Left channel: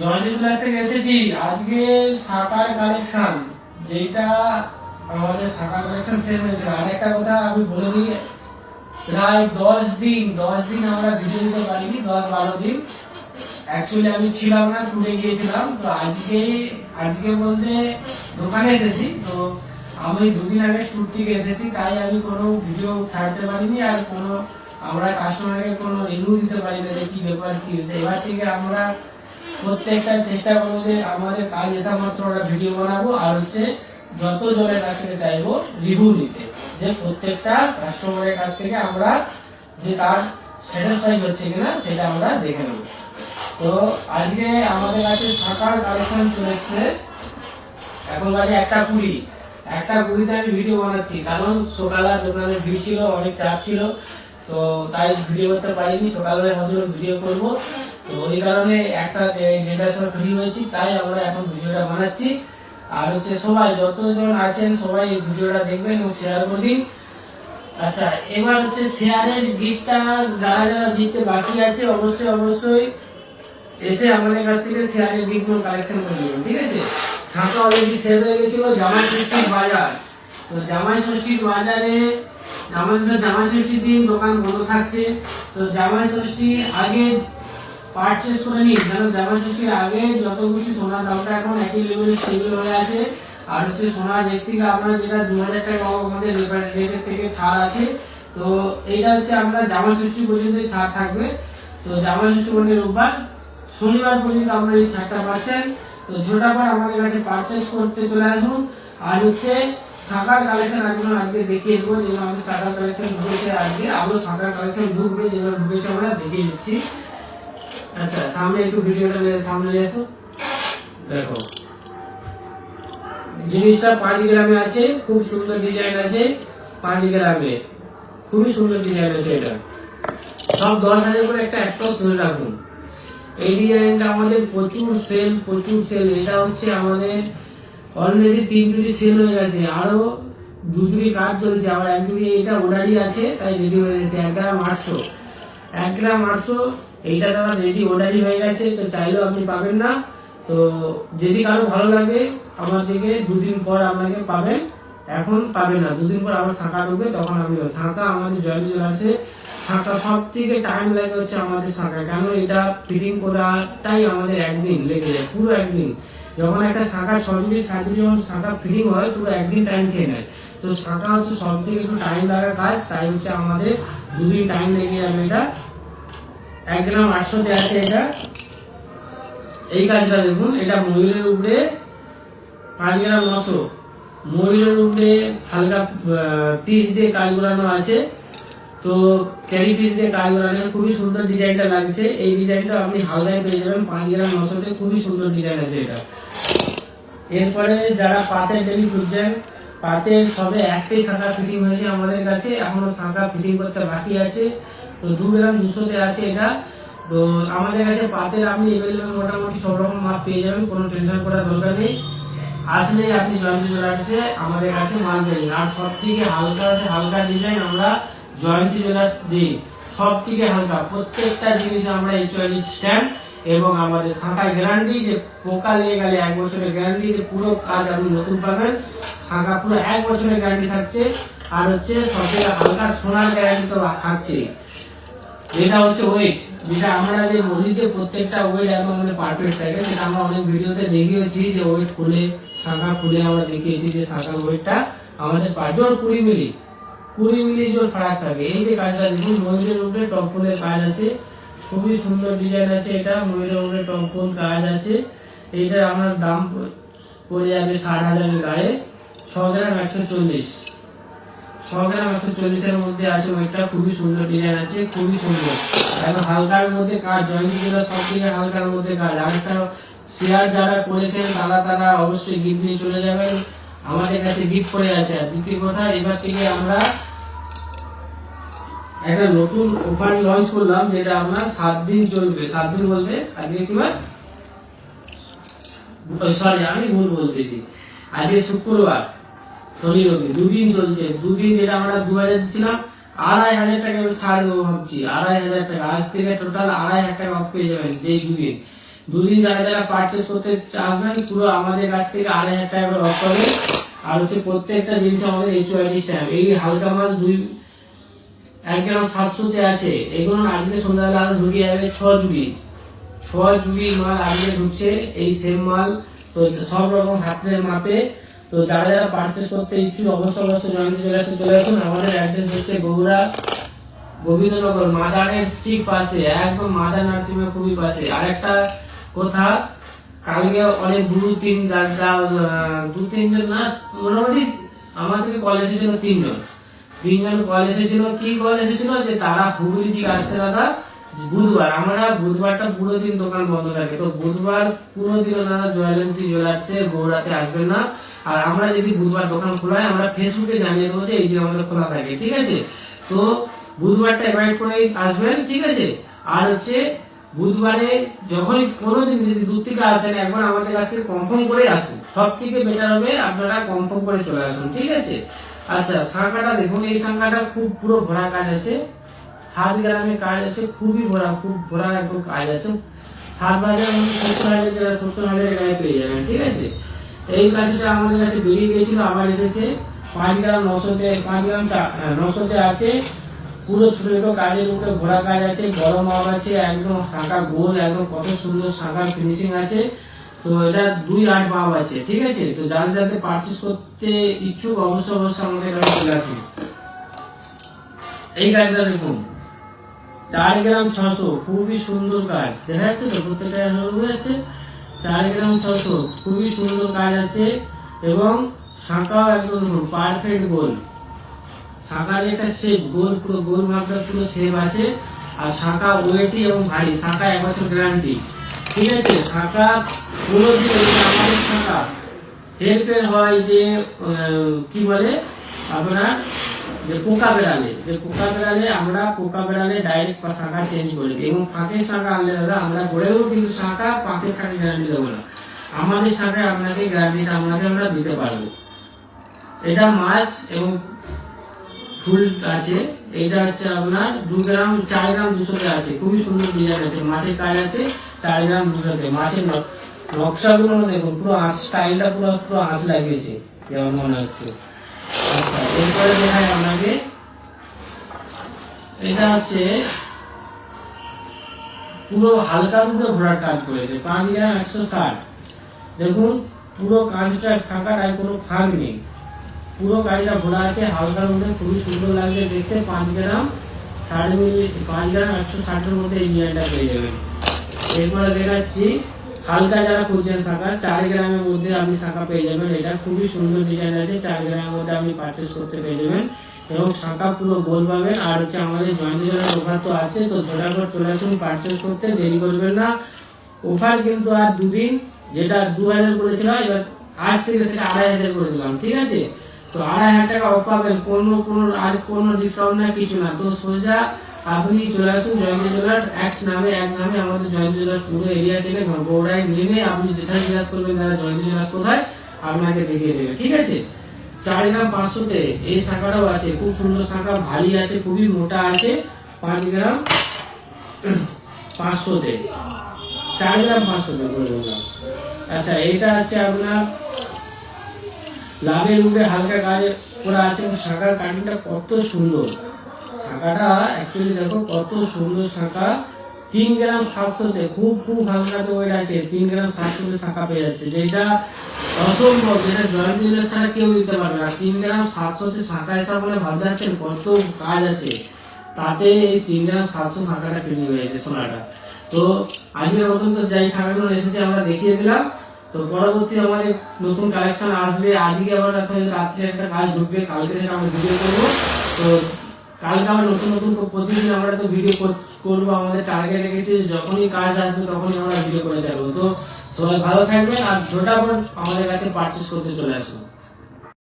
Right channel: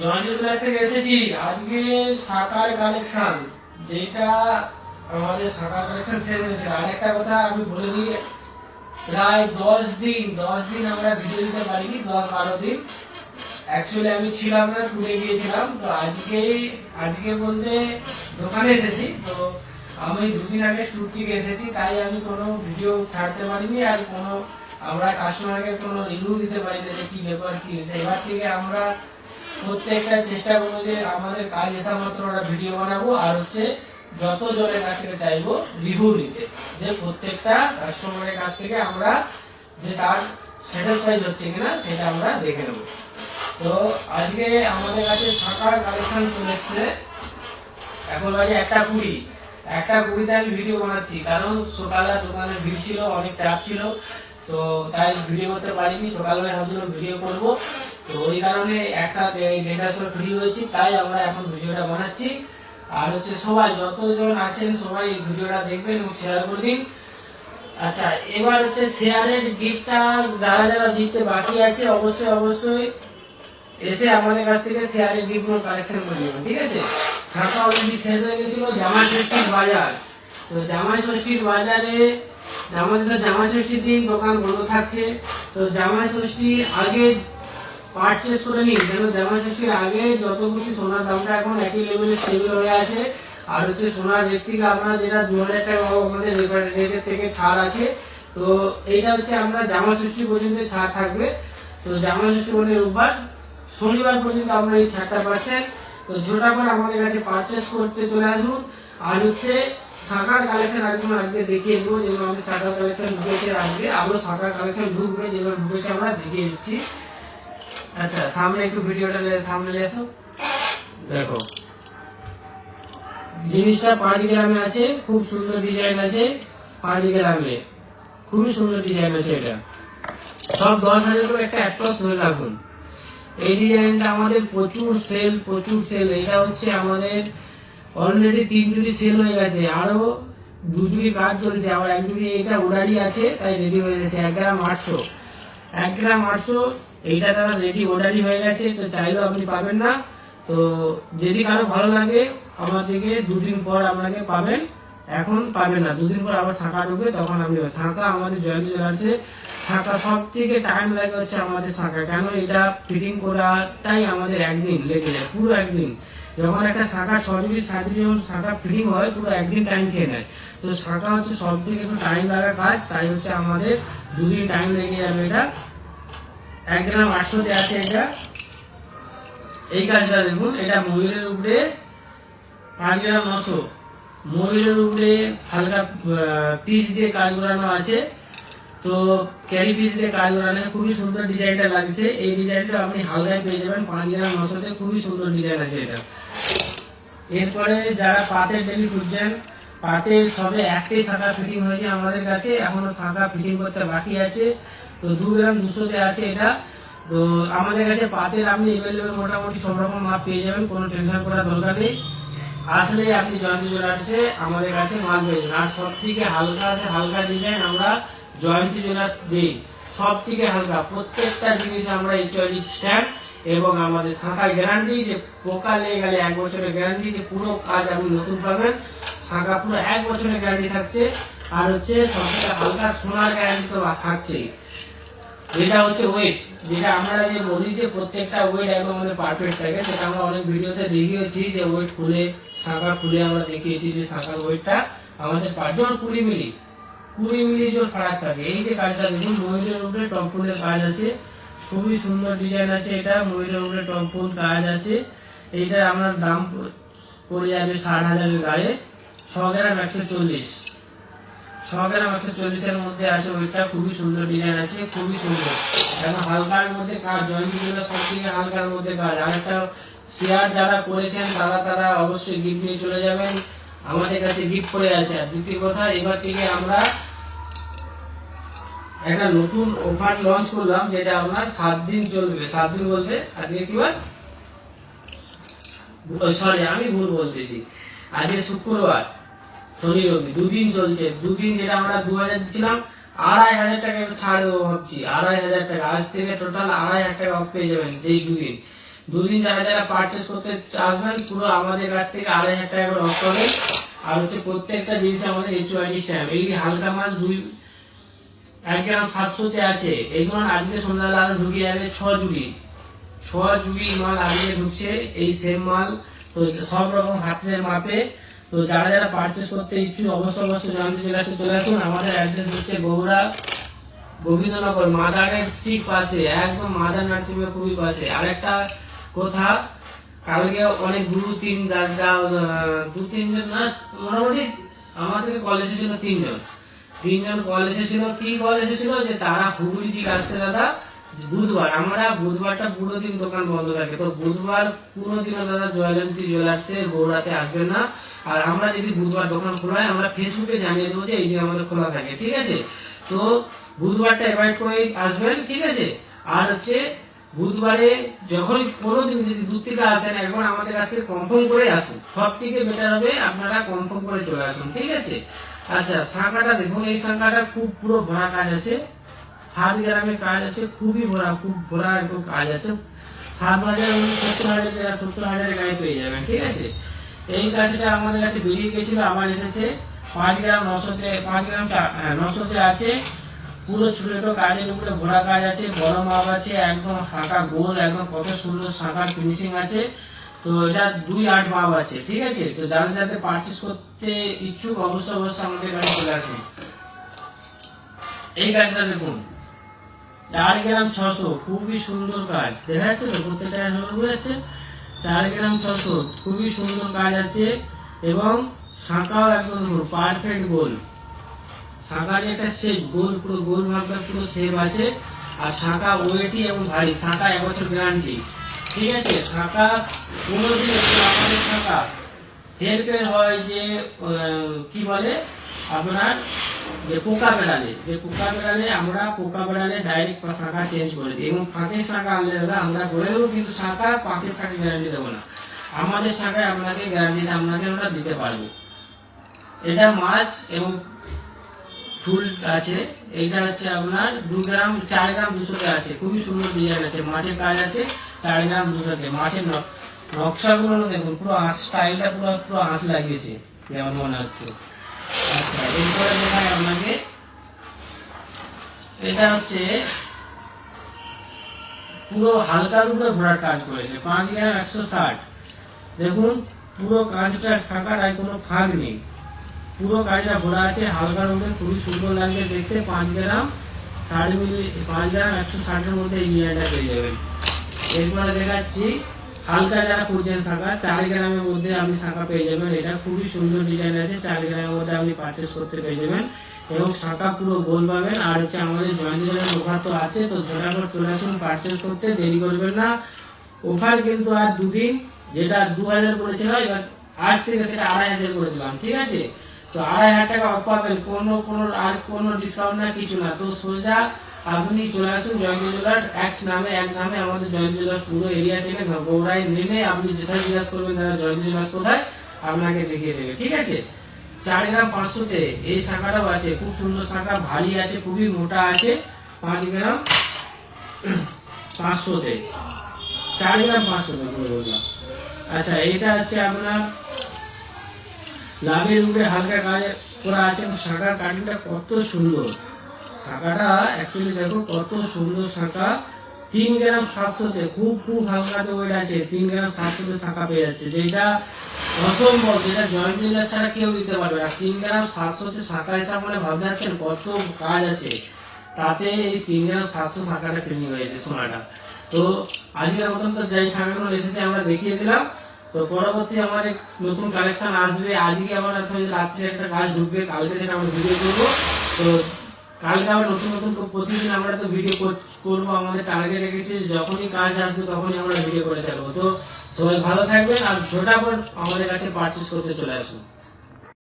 Joining class থেকে এসেছি। আজকে শাখার কালেকশন, যেটা আমাদের শাখার কালেকশন শেষ হয়েছে। আরেকটা কথা আমি বলে দিই, প্রায় 10 দিন আমরা ভিডিও দিতে পারিনি, 10-12 দিন। অ্যাকচুয়ালি আমি ছিলাম না, টুরে গিয়েছিলাম। তো আজকে বলতে দোকানে এসেছি। তো আমি 2 দিন আগে ট্যুর থেকে এসেছি, তাই আমি কোনো ভিডিও ছাড়তে পারিনি, আর কোনো আমরা কাস্টমারকে কোনো রিভিউ দিতে পারি না যে কি ব্যাপার কি হয়েছে। এবার থেকে আমরা প্রত্যেকটা চেষ্টা করবো যে আমাদের কাজ এসা মাত্র ওরা ভিডিও বানাবো, আর হচ্ছে যত জনের কাছ থেকে চাইবো রিভিউ নিতে, যে প্রত্যেকটা কাস্টমারের কাছ থেকে আমরা যে তার স্যাটিসফাই হচ্ছে কিনা সেটা আমরা দেখে নেবো। তো আজকে আমাদের কাছে শাখার কালেকশন চলে এসছে। এখন বাজে 1:20 আমি ভিডিও বানাচ্ছি, কারণ সকালে দোকানে ভিড় ছিল, অনেক চাপ ছিল, তো তাই ভিডিও করতে পারিনি। সকালবেলা ভাবছিল ভিডিও করবো, তো ওই কারণে 1:30টার সময় ফ্রি হয়েছি, তাই আমরা এখন ভিডিওটা বানাচ্ছি। আর হচ্ছে সবাই যতজন আছেন সবাই এই ভিডিওটা দেখবেন এবং শেয়ার করে দিন। আচ্ছা, এবার হচ্ছে শেয়ারের গিফটটা যারা যারা দিতে বাকি আছে অবশ্যই এসে আমাদের কাছ থেকে শেয়ারের গিফট কালেকশন করে নেবেন, ঠিক আছে? শাখা অলরেডি শেষ হয়ে গেছিল। জামাই ষষ্ঠীর বাজার, তো জামাই ষষ্ঠীর বাজারে আমাদের জামাই ষষ্ঠীর দিন দোকান বন্ধ থাকছে। তো জামাই ষষ্ঠীর আগে পারচেস করে নিন, যেন জামাই ষষ্ঠীর আগে যত কিছু সোনার দামটা এখন একই লেভেলে স্টেবল হয়ে আছে। আর হচ্ছে সোনার রেট থেকে আপনার যেটা 2000 টাকা আমাদের রেটের থেকে ছাড় আছে। তো এইটা হচ্ছে আমরা জামাই ষষ্ঠী পর্যন্ত ছাড় থাকবে। তো জামাই ষষ্ঠী বলে রোববার, শনিবার পর্যন্ত আপনারা এই ছাড়টা পাচ্ছেন। তো ঝোটাবার আমাদের কাছে পারচেস করতে চলে আসুন। আর হচ্ছে শাখার কালেকশন আজকে দেখিয়ে দেবো, যেগুলো আমাদের শাখার কালেকশন ঢুকেছে। আজকে আরো শাখার কালেকশন ঢুকবে, যেগুলো ঢুকেছে আমরা দেখিয়ে দিচ্ছি। আচ্ছা, সামনে একটু ভিডিওটা সামনে নিয়ে আসো। দেখো, জিনিসটা 5 গ্রামে আছে, খুব সুন্দর ডিজাইন আছে। 5 গ্রামে খুবই সুন্দর ডিজাইন আছে। এটা সব 10,000 করে একটা অ্যাপ্রক্স হয়ে থাকুন। এই ডিজাইনটা আমাদের প্রচুর সেল। এটা হচ্ছে আমাদের অলরেডি 3 জুড়ি সেল হয়ে গেছে, আরো 2 জুড়ি কাজ চলছে, আবার 1 জুড়ি এটা ওডারি আছে, তাই রেডি হয়ে গেছে। 1 গ্রাম 800 এইটা তারা রেডি ওডারি হয়ে গেছে। তো চাইলেও আপনি পাবেন না। তো যদি কারো ভালো লাগে আমার থেকে 2 দিন পর আপনাকে পাবেন, এখন পাবেন না। 2 দিন পর আবার শাখা ঢুকবে, তখন আপনি শাখা আমাদের জয়ন্তী আছে। শাখা সব থেকে টাইম লাগে হচ্ছে আমাদের শাখা, কেন এটা ফিটিং করাটাই আমাদের একদিন লেগে যায়, পুরো একদিন। যখন একটা শাখা 6 জুড়ি 7 জুড়ি যখন শাখা ফিটিং হয়, পুরো একদিন টাইম খেয়ে নেয়। তো শাখা হচ্ছে সব থেকে একটু টাইম লাগার কাজ, তাই হচ্ছে আমাদের 2 দিন টাইম লেগে যাবে। এটা 1 গ্রাম 800 আছে। এটা এই কাজটা দেখুন, এটা ময়ূরের উপরে 5 গ্রাম 900, ময়ূরের উপরে হালকা পিস দিয়ে কাজ করানো আছে। তো ক্যারি পিস দিয়ে কাজ করানো, খুবই সুন্দর ডিজাইনটা লাগছে। এই ডিজাইনটা আপনি হালকায় পেয়ে যাবেন 5 গ্রাম 900-তে, খুবই সুন্দর ডিজাইন আছে এটা। এরপরে যারা পাতের ডেলি খুঁজছেন, পাতের সবে একটাই শাখা ফিটিং হয়েছে আমাদের কাছে, এখনো শাখা ফিটিং করতে বাকি আছে। তো 2 গ্রাম 200-তে আছে এটা। তো আমাদের কাছে পাতের আপনি এভেলেবেল মোটামুটি সব রকম মাপ পেয়ে যাবেন, কোনো টেনশন করার দরকার নেই। আসলে আপনি জয়ন্তী জুয়েলার্সে আমাদের কাছে মাল পেয়ে, আর সব থেকে হালকা ডিজাইন আমরা জয়ন্তী জুয়েলার্স দিই, সব থেকে হালকা প্রত্যেকটা জিনিস আমরা HOD স্ট্যাম্প, এবং আমাদের শাখা গ্যারান্টি, যে পোকা লেগে গেলে 1 বছরের গ্যারান্টি, যে পুরো কাজ আপনি নতুন পাবেন। শাখা পুরো 1 বছরের গ্যারান্টি থাকছে। আর হচ্ছে সব থেকে হালকা সোনার গ্যারান্টি তো থাকছে। এটা হচ্ছে ওয়েট, যেটা আমরা যে বলি যে প্রত্যেকটা ওয়েট একদম আমাদের পারফেক্ট থাকে, সেটা আমরা অনেক ভিডিওতে দেখিয়েছি, যে ওয়েট খুলে শাখা খুলে আমরা দেখিয়েছি যে শাখার ওয়েটটা আমাদের জোর 20 মিলি জোর ফারাক থাকে। এই যে কাজটা দেখুন, ময়ূরের উপরে টপ ফুলের কাজ আছে, খুবই সুন্দর ডিজাইন আছে। এটা ময়ূরের উপরে টপ ফুল কাজ আছে। এইটার আমার দাম পড়ে যাবে 60,000-এর গায়ে। 6 গ্রাম 140, 6 গ্রাম 140-এর মধ্যে আছে। ওইটা খুবই সুন্দর ডিজাইন আছে, খুবই সুন্দর, এখন হালকার মধ্যে কাজ। জয়ন্তী জুয়েলার্স সব থেকে হালকার মধ্যে কাজ। আরেকটা শেয়ার যারা করেছেন তারা অবশ্যই গিফট নিয়ে চলে যাবেন, আমাদের কাছে গিফট করে আছে। আর দ্বিতীয় কথা, এবার থেকে আমরা একটা নতুন অফার লঞ্চ করলাম, যেটা আপনার 7 দিন চলবে। 7 দিন বলতে আজকে কি বার, সরি আমি ভুল বলতেছি, আজকে শুক্রবার, শনি রবি 2 দিন চলছে। 2 দিন যেটা আমরা 2000 দিচ্ছিলাম, 2,500 টাকা ছাড় দেবো ভাবছি, 2,500 টাকা। আজ থেকে টোটাল 2,500 টাকা অফ পেয়ে যাবেন। যেই দুদিন যারা যারা পার্চেস করতে আসবেন পুরো আমাদের কাছ থেকে 2,500 টাকা করে অফ পাবে। আর হচ্ছে প্রত্যেকটা জিনিস আমাদের HOID স্ট্যাম্প। এই হালকা মাল 1 গ্রাম 700 তে আছে। এগুলো আজকে সন্ধ্যাবেলা আরো ঢুকে যাবে 6 জুড়ি মাল আজকে ঢুকছে, এই সেম মাল। তো সব রকম হাতের মাপে। তো যারা যারা পার্চেস করতে ইচ্ছুক অবশ্যই জানতে চলে আসুন। আমাদের অ্যাড্রেস হচ্ছে বগুড়া গোবিন্দনগর মাদারের ঠিক পাশে, একদম মাদার নার্সিং হোমের খুবই পাশে। আরেকটা কথা, কালকে অনেক দু তিনজন না, মোটামুটি আমার থেকে কল এসেছিল তিনজন কল এসেছিল। কি কল এসেছিল যে তারা হুগলি দিকে আসছে দাদা বুধবার। আমরা বুধবারটা পুরো দিন দোকান বন্ধ থাকে, তো বুধবার পুরো দিন দাদা জয়লন্তি জুয়েলার্সে গৌড়াতে আসবেন না। আর আমরা যদি বুধবার দোকান খোলা হয় আমরা ফেসবুকে জানিয়ে দেবো যে এই দিন আমাদের খোলা থাকে, ঠিক আছে? তো বুধবারটা অ্যাভয়েড করে আসবেন, ঠিক আছে? আর হচ্ছে বুধবারে যখন কোনো দিন যদি দূর থেকে আসেন একবার আমাদের কাছ থেকে কনফার্ম করে আসুন। সব থেকে বেটার হবে আপনারা কনফার্ম করে চলে আসুন, ঠিক আছে? আচ্ছা, শাঁখাটা দেখুন, এই শাঁখাটা খুব পুরো ভরা কাজ আছে, 7 গ্রামের কাজ আছে, খুবই ভরা, খুব ভরা একদম কাজ আছে। 7,000 70,000 গায়ে পেয়ে যাবেন, ঠিক আছে? এই কাজটা আমাদের কাছে বেরিয়ে গেছিল, আবার এসেছে 5 গ্রাম 900 আছে। পুরো ছোট ছোট কাজের উপরে ভরা কাজ আছে, বড় মাপ আছে, একদম শাঁখা গোল, একদম কত সুন্দর শাঁখার ফিনিশিং আছে। তো এটা 2-8 মাপ আছে, ঠিক আছে? তো যারা যাতে পার্চেস করতে ইচ্ছুক অবশ্যই আমাদের কাছে চলে আসুন। এই কাজটা দেখুন, 4 গ্রাম 600, খুবই সুন্দর কাজ। দেখা যাচ্ছে তো প্রত্যেকটা বোঝা যাচ্ছে? 4 গ্রাম 600, খুবই সুন্দর কাজ আছে। এবং শাঁখাও একদম পারফেক্ট গোল। শাঁখার একটা শেপ গোল, পুরো গোল ভাবটা পুরো শেপ আছে। আর শাঁখা ওয়েটি এবং ভারী, শাঁখা 1 বছর গ্যারান্টি, ঠিক আছে? শাঁখা পুরো দিন আমাদের শাঁখা হেল্পের হয় যে কি বলে আপনার যে পোকা বেড়ালে আমরা পোকা বেড়ালে ডাইরেক্ট শাঁখা চেঞ্জ করে দিই। এবং ফাঁকের শাঁখা আনলে দাদা আমরা করে দেবো, কিন্তু শাঁখা পাঁকের শাঁখা গ্যারান্টি দেবো না। আমাদের শাঁখায় আপনাকে গ্যারান্টিটা আমরা দিতে পারবো। এটা মাছ এবং ফুল আছে। এটা হচ্ছে আপনার 4 গ্রাম 200 আছে, খুবই সুন্দর ডিজাইন আছে, মাছের কাজ আছে 4 গ্রাম 200। মাছের নকশাগুলো দেখুন, পুরো স্টাইলটা পুরো হাঁস লাগিয়েছে যেমন মনে হচ্ছে। আচ্ছা, এরপরে দেখায় আপনাকে, এটা হচ্ছে পুরো হালকা উপরে ঘোরার কাজ করেছে, 5 গ্রাম 160। দেখুন পুরো কাজটা শাঁখাটায় কোনো ফাঁক নেই, পুরো কাজটা ঘোরা আছে হালকার উপরে, খুবই সুন্দর লাগছে দেখতে। 5 গ্রাম 160 মধ্যে এই ডিজাইনটা পেয়ে যাবেন। এরপরে দেখাচ্ছি হালকা যারা খুঁজছেন শাঁখা, 4 গ্রামের মধ্যে আপনি শাঁখা পেয়ে যাবেন। এটা খুবই সুন্দর ডিজাইন আছে, 4 গ্রামের মধ্যে আপনি পারচেস করতে পেয়ে যাবেন। এবং শাঁখা পুরো গোল পাবেন। আর হচ্ছে আমাদের জয়েন্ট জুয়েলার্স অফার তো আছে, তো ঝটাফট চলে আসুন পারচেস করতে, দেরি করবেন না। অফার কিন্তু আর 2 দিন, যেটা 2,000 করেছিলাম এবার আজ থেকে সেটা 2,500 করে দিলাম, ঠিক আছে? তো 2,500 টাকা অফ পাবেন, কোনো ডিসকাউন্ট না, কিছু না। তো সোজা আপনি চলে আসুন জয়েন্ট জুয়েলার্স, এক নামে আমাদের জয়েন্ট জুয়েলার্স পুরো এরিয়া থেকে গৌড়ায় নেমে আপনি যেটা জিজ্ঞাসা করবেন দাদা জয়েন্ট জুয়েলার্স কোথায়, আপনাকে দেখিয়ে দেবে, ঠিক আছে? 4 গ্রাম 500 এই শাঁখাটাও আছে, খুব সুন্দর শাঁখা, ভারী আছে, খুবই মোটা আছে। 5 গ্রাম 500 4 গ্রাম 500 বলে বললাম। আচ্ছা, এটা হচ্ছে আপনার লাভের উপরে হালকা কাজ করা আছে। শাঁখার কাটিংটা কত সুন্দর, শাঁখাটা অ্যাকচুয়ালি দেখো কত সুন্দর শাঁখা। 3 গ্রাম 700 খুব হালকা ওয়েট আছে, 3 গ্রাম 700 শাঁখা পেয়ে যাচ্ছে, যেটা অসম্ভব, যেটা জয়েন্ট জুয়েলার্স ছাড়া কেউ দিতে পারবে না। 3 গ্রাম 700 শাঁখা হিসাব বলে ভাবতে পারছেন কত কাজ আছে, তাতে এই 3 গ্রাম 700 শাঁখাটা কিনে হয়েছে সোনাটা। তো আজকের মতন তো যাই শাঁখাগুলো এসেছে আমরা দেখিয়ে দিলাম। তো পরবর্তী আমাদের নতুন কালেকশন আসবে, আজকে আবার রাত্রে একটা কাজ ঢুকবে, কালকে সেটা আমরা ভিডিও করবো। তো কালকে আবার নতুন প্রতিদিন আমরা তো ভিডিও করবো, আমাদের টার্গেট রেখেছি যখনই কাজ আসবে তখনই আমরা ভিডিও করে থাকবো। তো সবাই ভালো থাকবেন আর ঝটাফট আমাদের কাছে পারচেস করতে চলে আসুন।